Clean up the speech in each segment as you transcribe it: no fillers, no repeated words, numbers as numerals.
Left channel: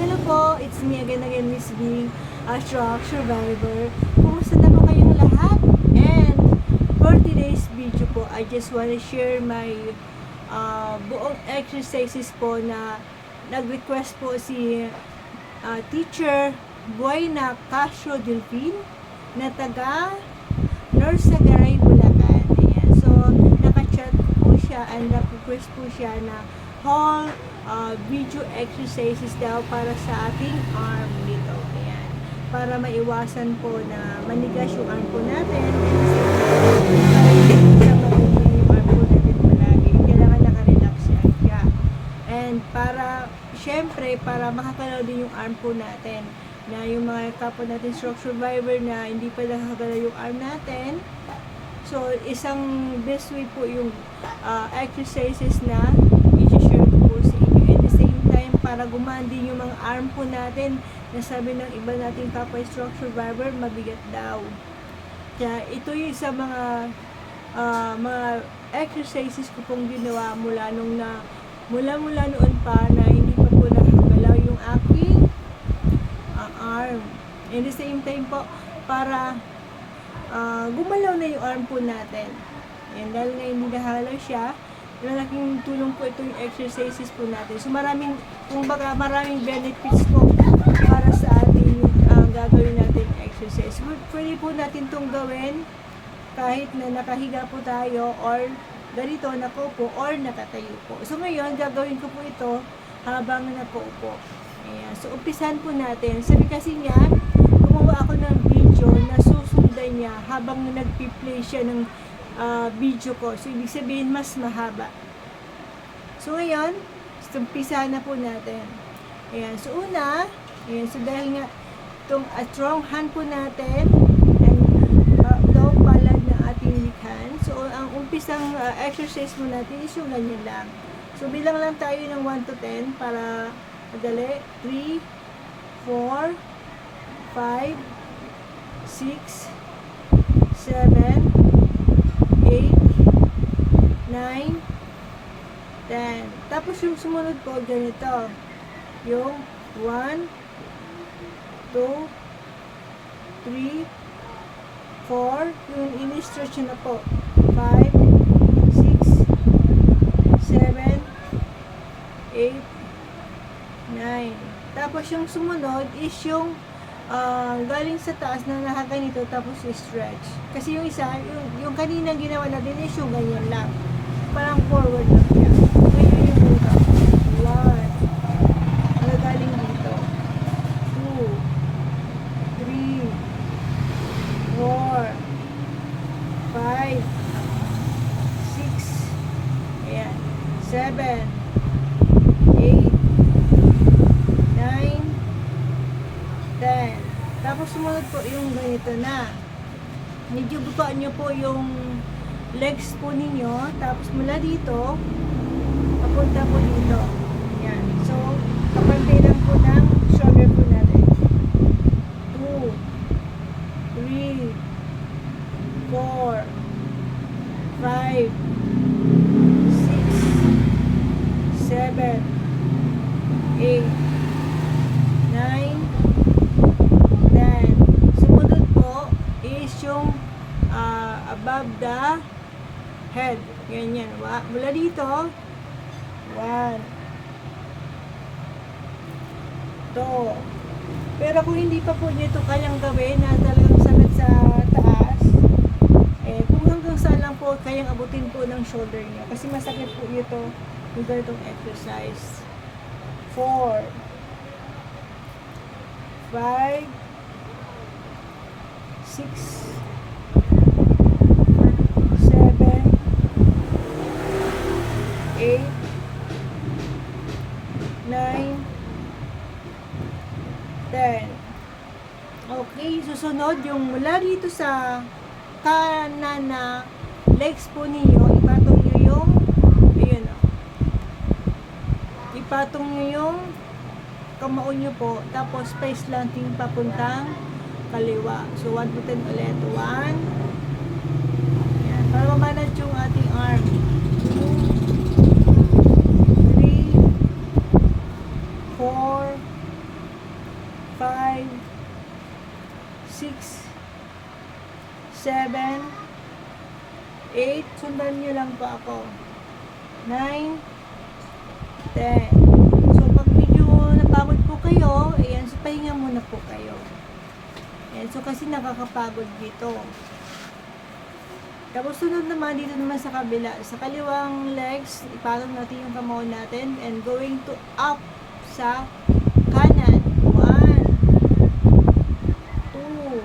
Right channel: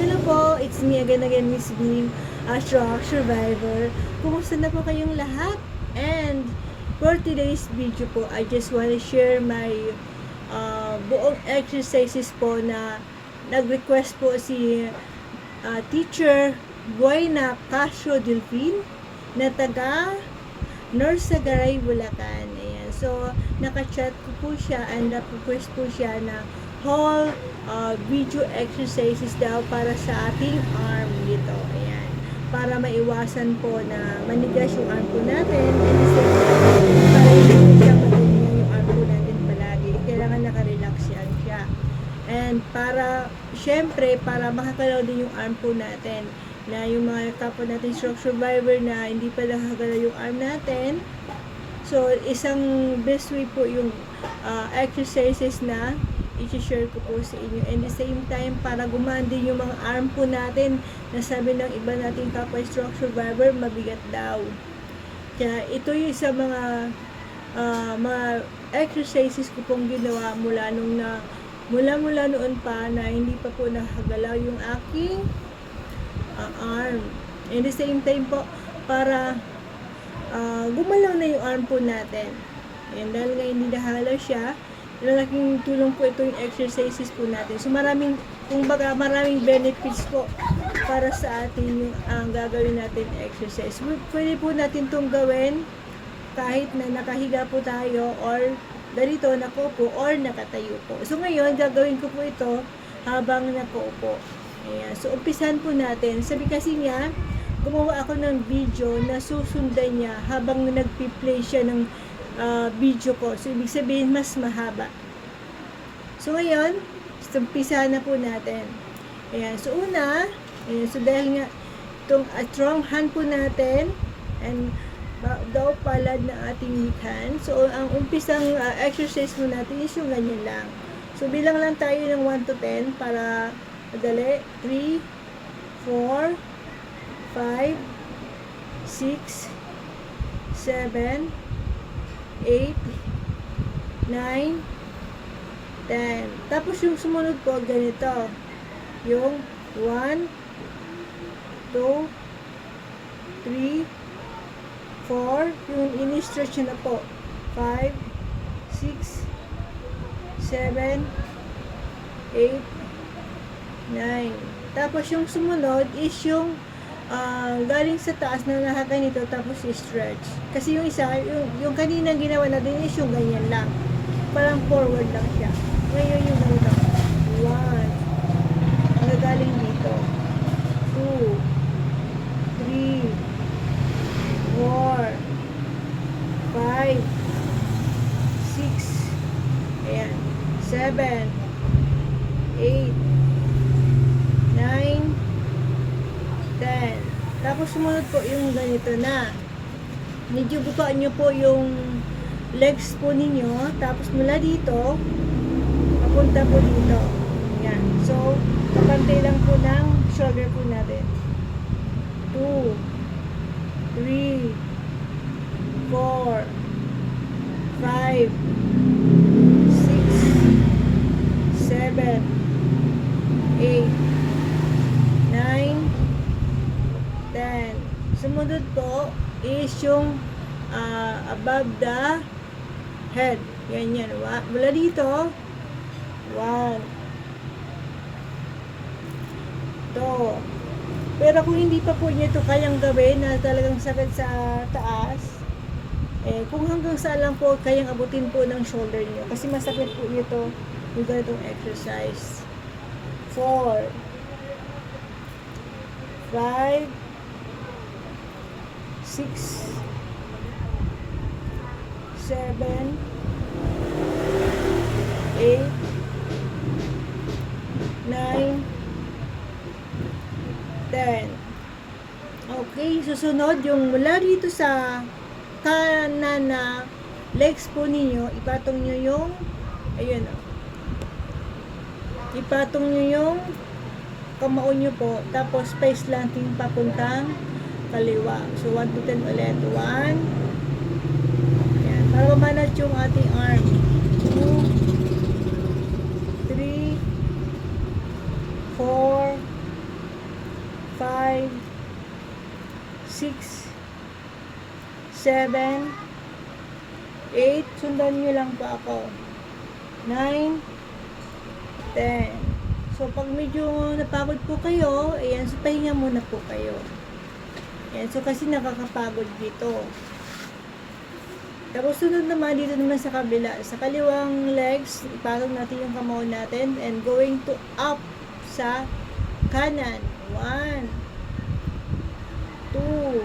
Hello po, it's me again, Miss Bean, a shock survivor. Kumusta na po kayong lahat? And for today's video po, I just want to share my buong exercises po na nag-request po si teacher Buena Casio Delfin na taga Norsagaray, Bulacan. Ayan. So, naka-chat ko po siya and nag-request po siya na whole video exercises daw para sa ating arm dito. Ayan. Para maiwasan po na manigas yung arm po natin and para hindi siya maganyan yung arm po natin palagi. Kailangan nakarelax siya. And para, syempre, para makakalaw din yung arm po natin na yung mga kapwa natin stroke survivor na hindi pa nakakagalaw yung arm natin. So, isang best way po yung exercises na i-share ko po sa inyo. And the same time, para gumaan din yung mga arm po natin na sabi ng iba nating kapwa stroke survivor, mabigat daw. Kaya ito yung sa mga exercises ko pong ginawa mula noon pa na hindi pa po nakagalaw yung aking arm. And the same time po, para gumalaw na yung arm po natin. And dahil nga hindi nakagalaw siya, malaking tulong po ito yung exercises po natin. So maraming benefits po para sa atin yung gagawin natin exercise. Pwede po natin itong gawin kahit na nakahiga po tayo or ganito, nakaupo or nakatayo po. So ngayon, gagawin ko po ito habang nakaupo. Ayan. So umpisan po natin. Sabi kasi niya, gumawa ako ng video na susundan niya habang nagpi-play siya ng video ko. So, ibig sabihin, mas mahaba. So, ngayon, umpisa na po natin. Ayan. So, una, ayan. So, dahil nga, itong strong hand po natin, and daw palad ng ating weak hand. So, ang umpisang exercise po natin is yung ganyan lang. So, bilang lang tayo ng 1 to 10 para madali. 3, 4, 5, 6, 7, 8, 9, 10. Tapos yung sumunod po, ganito. Yung 1, 2, 3, 4. Yung ini-stretch na po. 5, 6, 7, 8, 9. Tapos yung sumunod is yung galing sa taas na nakaganito tapos stretch. Kasi yung isa, yung kanina ginawa natin is yung ganyan lang. Parang forward lang siya. Ngayon yung ganito. 1. Nagagaling dito. 2. 3. 4. 5. 6. Ayan. 7. 8. 9. 10. Tapos sumunod po yung ganito na. Medyo buka nyo po yung legs po ninyo. Tapos mula dito, papunta po dito. Yan. So, kapantay lang po ng shoulder po natin. 2, 3, 4, 5, 6, 7, 8, 9, 10. Sumunod po is yung above the head. Yan. Mula dito, 1, 2. Pero kung hindi pa po nyo ito kayang gawin na talagang sakit sa taas, kung hanggang saan lang po kayang abutin po ng shoulder nyo. Kasi masakit po ito yung ganitong exercise. 4, 5, 6, 7, 8, 9, 10. Okay, susunod yung mula dito sa kanan na legs po ninyo, ipatong nyo yung, ayun o, ipatong nyo yung kamao nyo po, tapos face slanting papuntang kaliwa. So, 1 to 10 ulit. 1. Yan. Para mamanage yung ating arm. 2, 3, 4, 5, 6, 7, 8. Sundan nyo lang po ako. 9, 10. So, pag medyo napagod po kayo, ayan, so pahinga muna po kayo. Ayan, so kasi nakakapagod dito. Tapos sunod naman, dito naman sa kabila. Sa kaliwang legs, ipatong natin yung kamao natin and going to up sa kanan. 1, 2,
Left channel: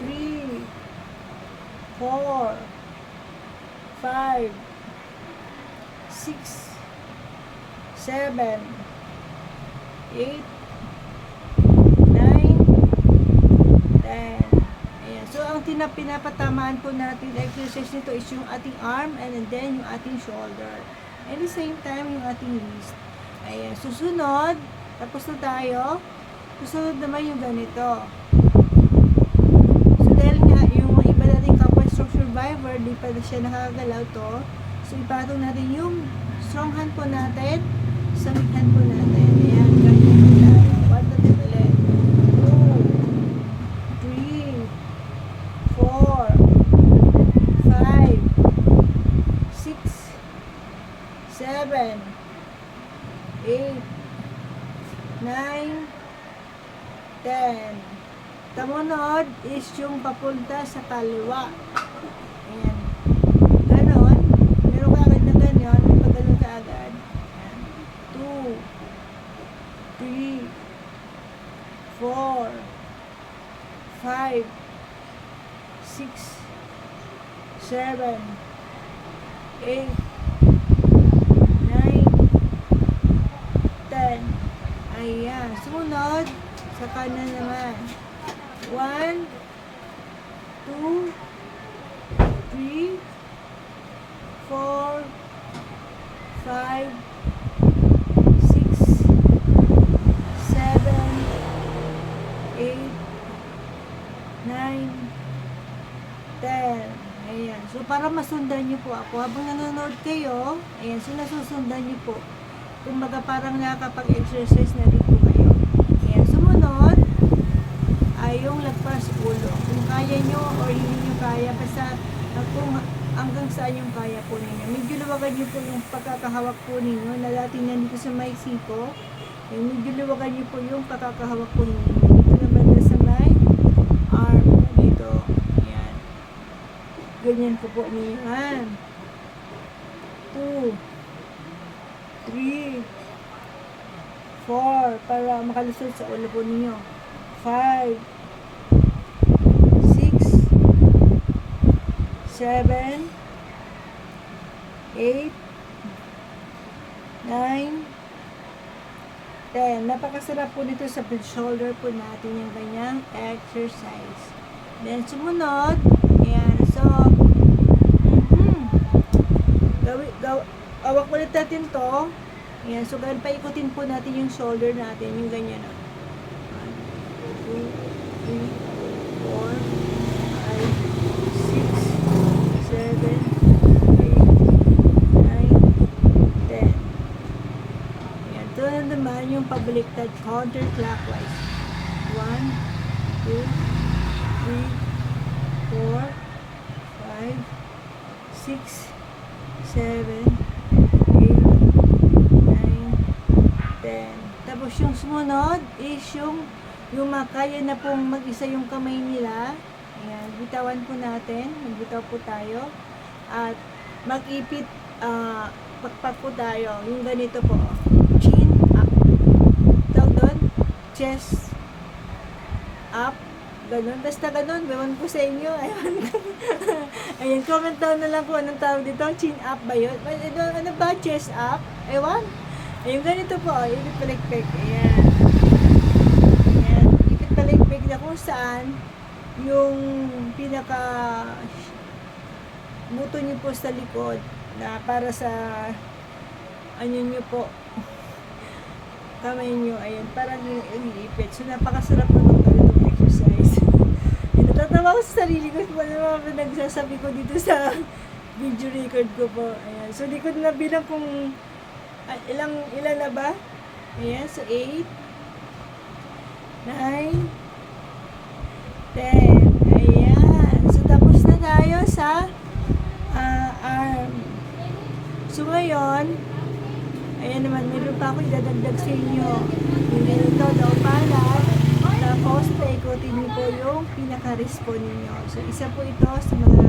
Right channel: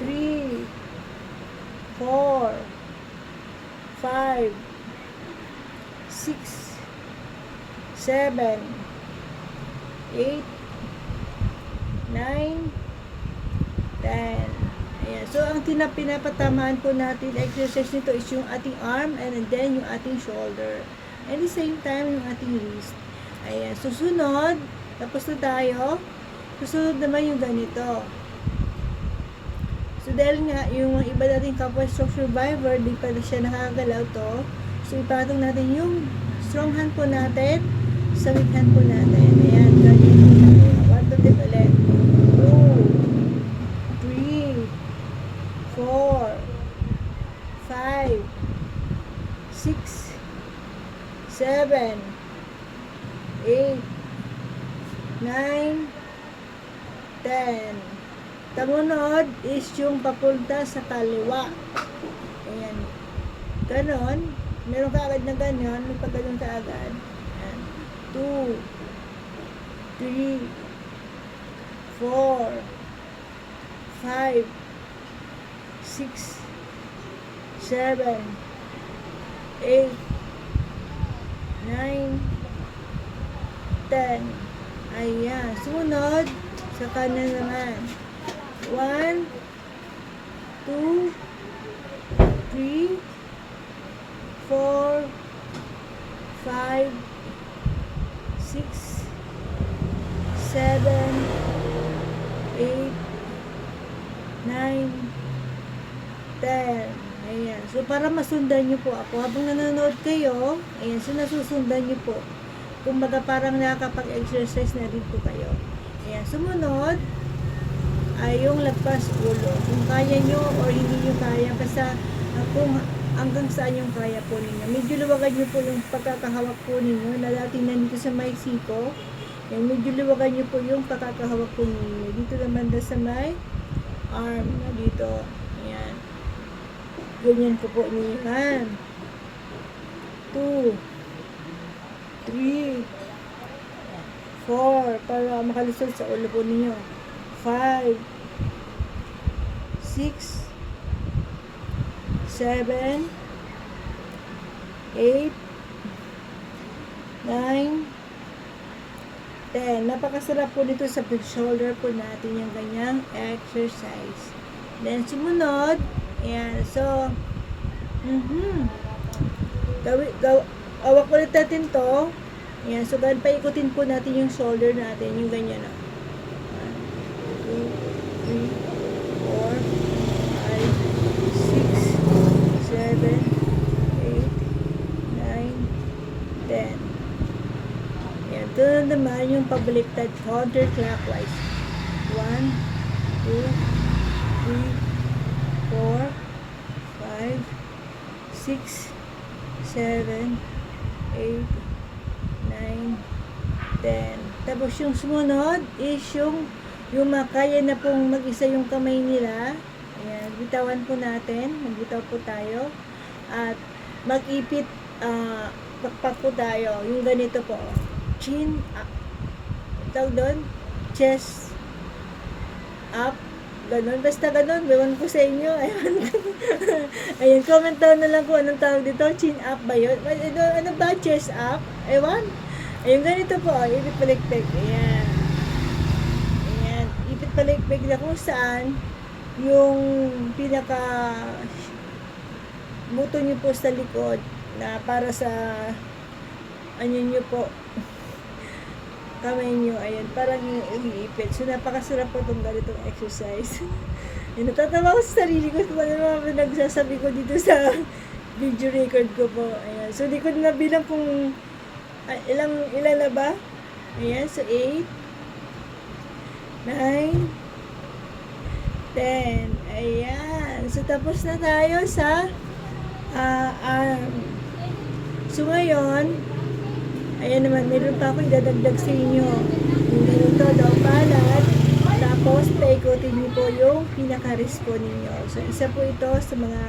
3, 4, 5, 6, 7, 8, 9, 10. Ayan. So, ang pinapatamaan po natin, exercise nito is yung ating arm and then yung ating shoulder. And the same time, yung ating wrist. Ayan. Susunod, tapos na tayo. Susunod naman yung ganito. So, dahil nga, yung iba nating kapwa stroke survivor, di pa siya nakakagalaw to. So, ipatong natin yung strong hand po natin sa weak hand po natin. Ayan, ganyan po tayo. 1, 2, 3 ulit. 2, 3, 4, 5, 6, 7, 8, 9, 10. Tamunod is yung papunta sa kaliwa. Ayan. Ganon. Meron ka agad na ganyan. Pag ganon ka agad. Ayan. 2, 3, 4, 5, 6, 7, 8, 9, 10. Ayan. Sumunod, sa kanan naman. 1, 2, 3, 4, 5, 6, 7, 8, 9, 10. Ayan. So, para masundan nyo po ako, habang nanonood kayo, ayan, so nasusundan nyo po. Kumbaga, parang nakakapag-exercise na din po kayo. Ayan. Sumunod, ay yung lagpas ulo. Kung kaya nyo or hindi nyo kaya, basta kung hanggang saan yung kaya po ninyo. Medyo luwagan nyo po yung pagkakahawak po ninyo na dating nandito sa may siko. Ayan, medyo luwagan nyo po yung pagkakahawak po ninyo. Dito naman na sa may arm na dito. Ayan. Ganyan po po ninyo. 1, 2, 3, 4, para makalusot sa ulo po ninyo. 5, 6, 7, 8, 9, 10. Napakasarap po dito sa shoulder po natin yung ganyang exercise. Then, sumunod. Ayan. So, awak ulit natin to. Ayan. So, ganun pa ikutin po natin yung shoulder natin. Yung ganyan na. 1, 2, 3, 4, 5, 6, 7, 8, 9, 10. Ayan. Ito na naman yung pabaliktad counterclockwise. 1, 2, 3, 4, 5, 6, 7, 8, 9, 10. Tapos yung sumunod is yung makaya na pong mag-isa yung kamay nila. Ayan, bitawan po natin. Magbitaw po tayo. At mag-ipit, pakpak po tayo. Yung ganito po. Chin up. Tawag doon, chest up. Ganon. Basta ganon. Ewan ko sa inyo. Ayan, comment down na lang po anong tawag dito. Chin up ba yun? Ano ba? Chest up? Ewan. Ayun, ganito po. Ipit palikpik. Ayan. Ayan. Ipit palikpik na kung saan yung pinaka buto nyo po sa likod na para sa ano nyo po kamay nyo. Ayan. Parang yung iipit. So, napakasarap po itong ganitong exercise. Ayan, natatawa ko sa sarili ko. Ano naman nagsasabi ko dito sa video record ko po. Ayan. So, di ko na bilang kung ilan na ba? Ayan, so 8, 9, 10. Ayan. So, tapos na tayo sa arm. So, ngayon, ayan naman, meron pa ako idadagdag sa inyo. Yung ganito daw palad. Tapos, paikutin niyo po yung pinaka-wrist po ninyo. So, isa po ito sa mga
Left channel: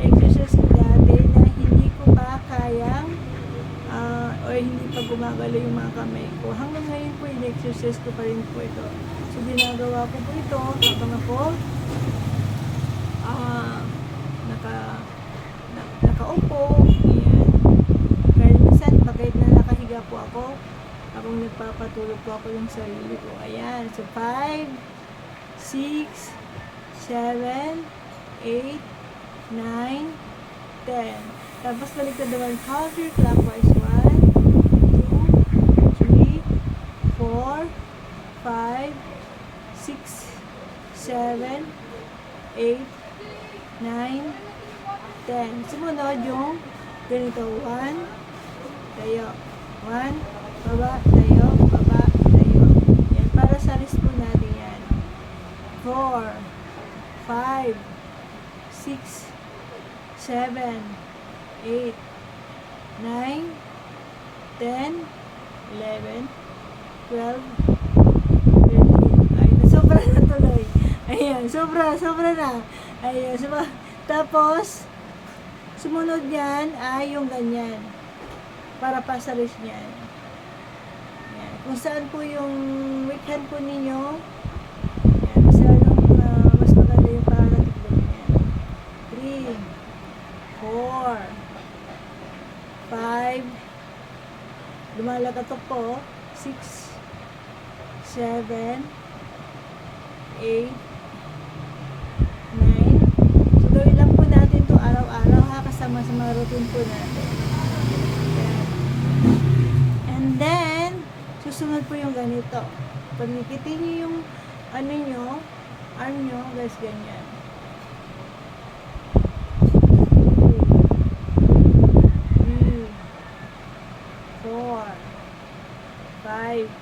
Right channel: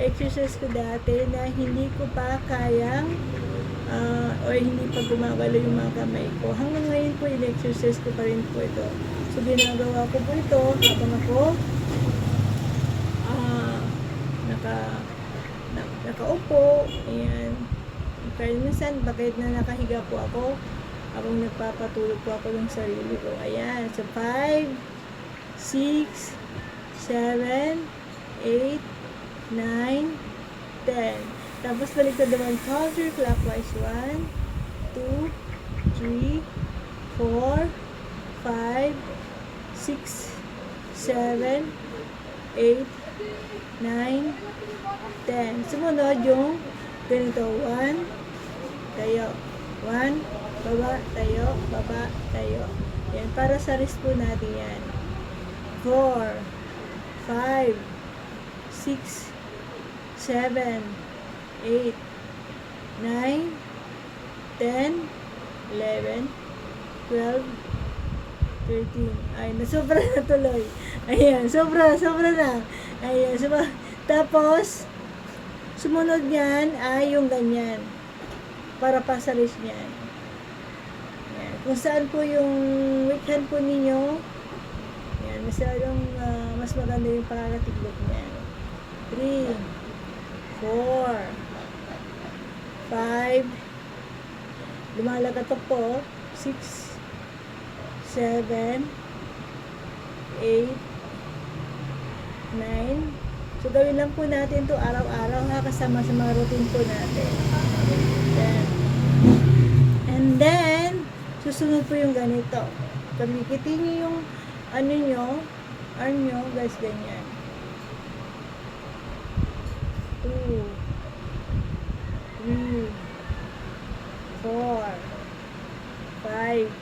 exercise ko dati na hindi ko pa kayang or hindi pa gumagalaw yung mga kamay ko. Hanggang ngayon po, in-exercise ko pa rin po ito. So, ginagawa ko po ito habang ako nakaupo. Ayan. Kahit minsan, bakit na nakahiga po ako habang nagpapatulog po ako ng sarili ko. Ayan. So, 5, 6, 7, 8, 9, 10. Tapos, baliktad naman counterclockwise. 1, 2, 3, 4, 5, 6, 7, 8, 9, 10. Sumunod yung ganito. 1, tayo. 1, baba, tayo, baba, tayo. Yan, para sa wrist po natin yan. 4, 5, 6, 7, 8, 9, 10, 11, 12, 13. Ay, sobra na tuloy. Ayan, sobra na. Ayan, tapos, sumunod yan ay yung ganyan. Para pa sa wrist niyan. Ayan. Kung saan po yung weak hand po ninyo, ayan, mas maganda yung paratignan niyan. 3, 4, 5, lumalagatok po, 6, 7, 8, 9. So, gawin lang po natin to araw-araw ha, kasama sa mga routine po natin. And then, susunod po yung ganito. Pagkikitin nyo yung arm nyo, guys, ganyan. 2, 3, 4, 5,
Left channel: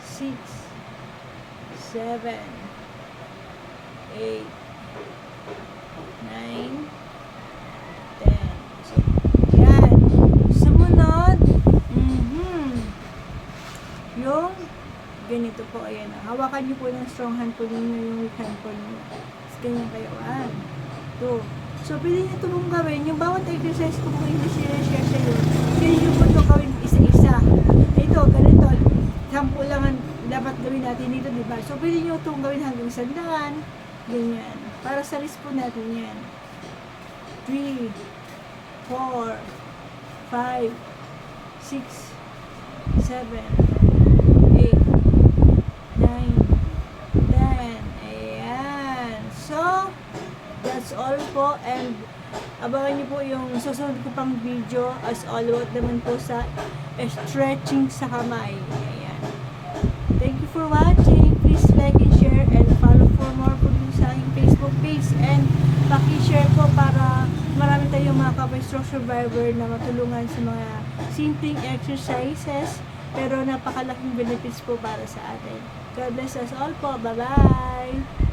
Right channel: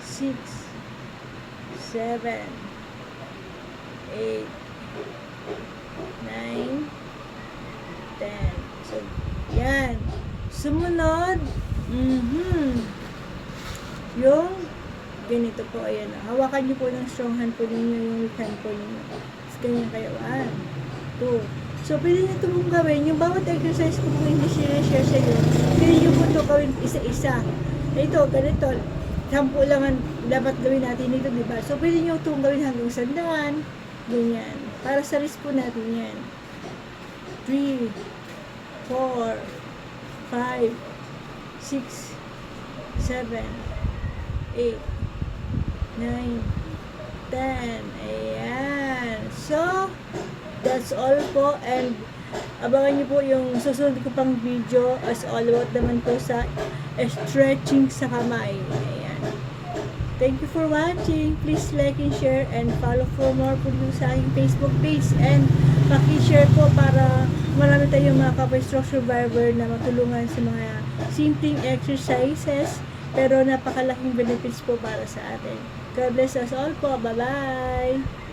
6, 7, 8, 9, 10. So, yan. Sumunod, yung ganito po, ayan. Hawakan nyo po ng strong hand po ninyo, yung weak hand po ninyo. Tapos, ganyan kayo. 1, 2. So, pwede nyo ito mong gawin. Yung bawat exercise ko kung hindi share sa iyo, pwede nyo po ito gawin isa-isa. Ito, ganito. 10 lang ang dapat gawin natin dito, diba? So, pwede nyo itong gawin hanggang 100. Ganyan. Para sa wrist po natin yan. 3, 4, 5, 6, 7, 8, 9, 10. Ayan. So, that's all po. And, abangan niyo po yung susunod ko pang video as all about naman po sa stretching sa kamay. Ayan. Thank you for watching. Please like and share and follow for more po dito sa aking Facebook page. And paki-share po para marami tayong mga Kapoy Stroke Survivor na matulungan sa mga simpleng exercises pero napakalaking benefits po para sa atin. God bless us all po. Bye-bye!